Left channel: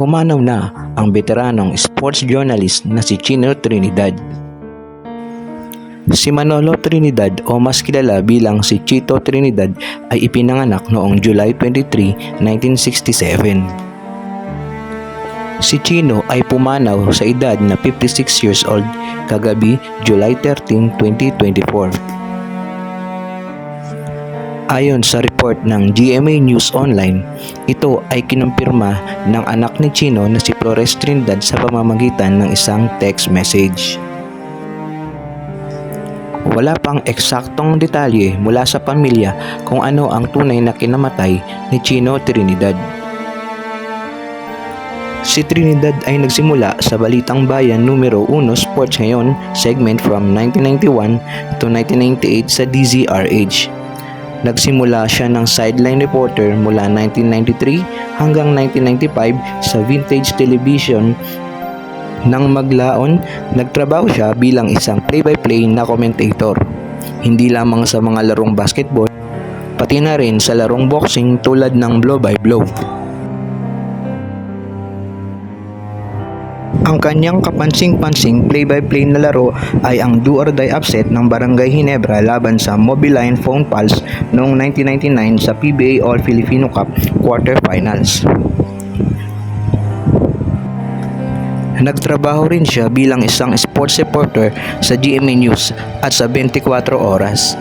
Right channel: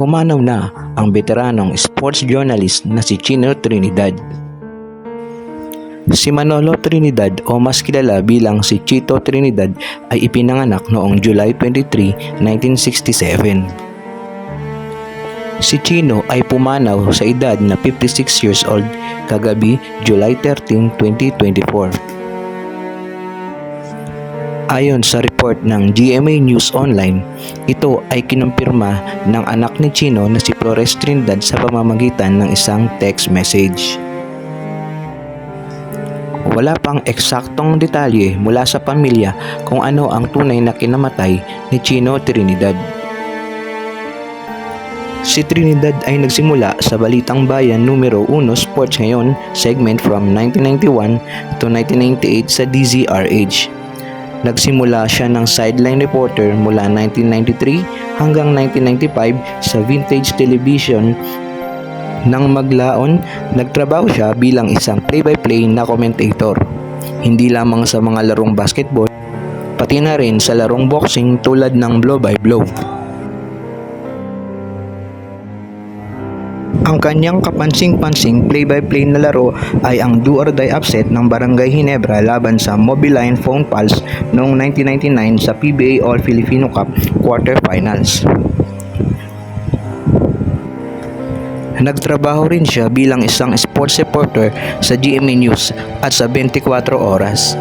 pumanaw na ang veteranong sports journalist na si Chino Trinidad. Si Manolo Trinidad o mas kilala bilang si Chito Trinidad ay ipinanganak noong July 23, 1967. Si Chino ay pumanaw sa edad na 56 years old kagabi July 13, 2024. Ayon sa report ng GMA News Online, ito ay kinumpirma ng anak ni Chino na si Flores Trinidad sa pamamagitan ng isang text message. Wala pang eksaktong detalye mula sa pamilya kung ano ang tunay na kinamatay ni Chino Trinidad. Si Trinidad ay nagsimula sa Balitang Bayan numero 1 Sports Ngayon segment from 1991 to 1998 sa DZRH. Nagsimula siya ng sideline reporter mula 1993 hanggang 1995 sa Vintage Television. Nang maglaon, nagtrabaho siya bilang isang play-by-play na commentator. Hindi lamang sa mga larong basketball, pati na rin sa larong boxing tulad ng blow-by-blow. Ang kanyang kapansing-pansing play-by-play na laro ay ang do or die upset ng Barangay Ginebra laban sa Mobiline Phone Pulse noong 1999 sa PBA All-Filipino Cup quarterfinals. Nagtrabaho rin siya bilang isang sports reporter sa GMA News at sa 24 Oras.